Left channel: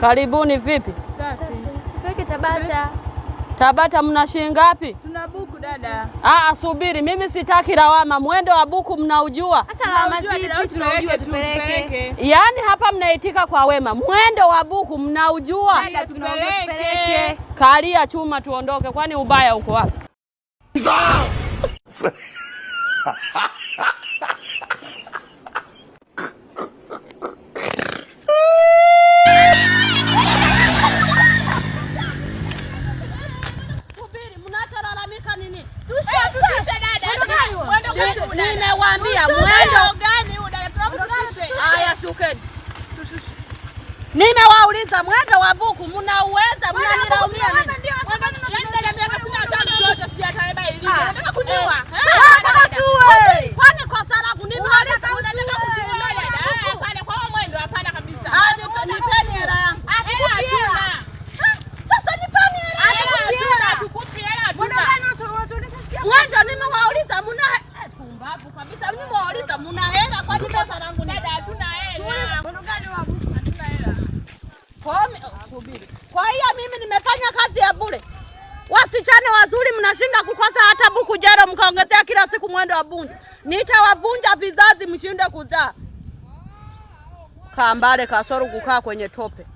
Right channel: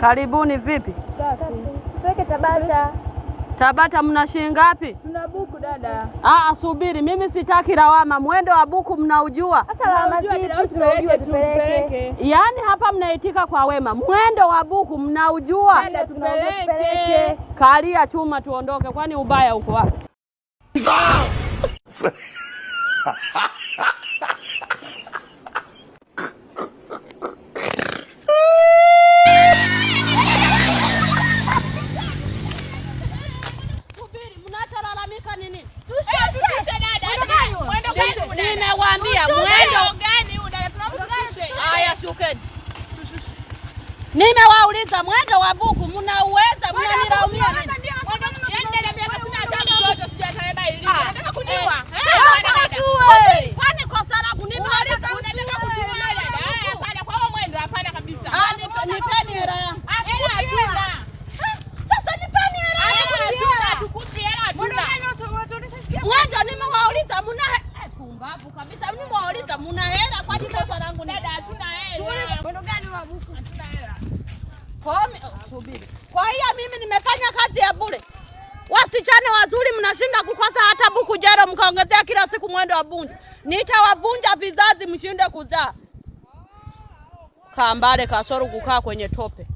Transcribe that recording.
Karibuni. Vipi? Safi. Tupeleke Tabata. Tabata mna shilingi ngapi? Tuna buku dada. Subiri, mimi sitaki lawama. Mwendo wa buku mnaujua? Sasa lawama zipi? Tunaujua, tupeleke. Yaani hapa mnaitika kwa wema. Mwendo wa buku mnaujua? Dada, tunaujua, tupeleke. Kalia chuma tuondoke, kwani ubaya uko wapi? Nimewaambia mwendo gani udada, tunamshushe. Haya, shukeni. Tushushe. Nimewauliza mwendo wa buku mnauweza, mnanilaumia nini? Yaani dada miaka 15 zote sijataeba elimu. Nataka kuniua. Kwani kosa langu nimeuliza unataka kuniua dada? Hapana, kwa mwendo hapana kabisa. Nipeni hela yangu. Hatuna. Sasa nipeni hela yangu. Tukupi hela hatuna. Mwendo nimewauliza mna pumbavu kabisa. Nimewauliza mna hela, kwani kosa langu ni dada? Hatuna hela. Mbona gani wa buku hatuna hela? Subiri. Kwa hiyo mimi nimefanya kazi ya bure. Wasichana wazuri mnashinda kukosa hata buku jero, mkaongezea kila siku mwendo wa bunju. Nitawavunja vizazi mshinde kuzaa. Kambale kasoro kukaa kwenye tope.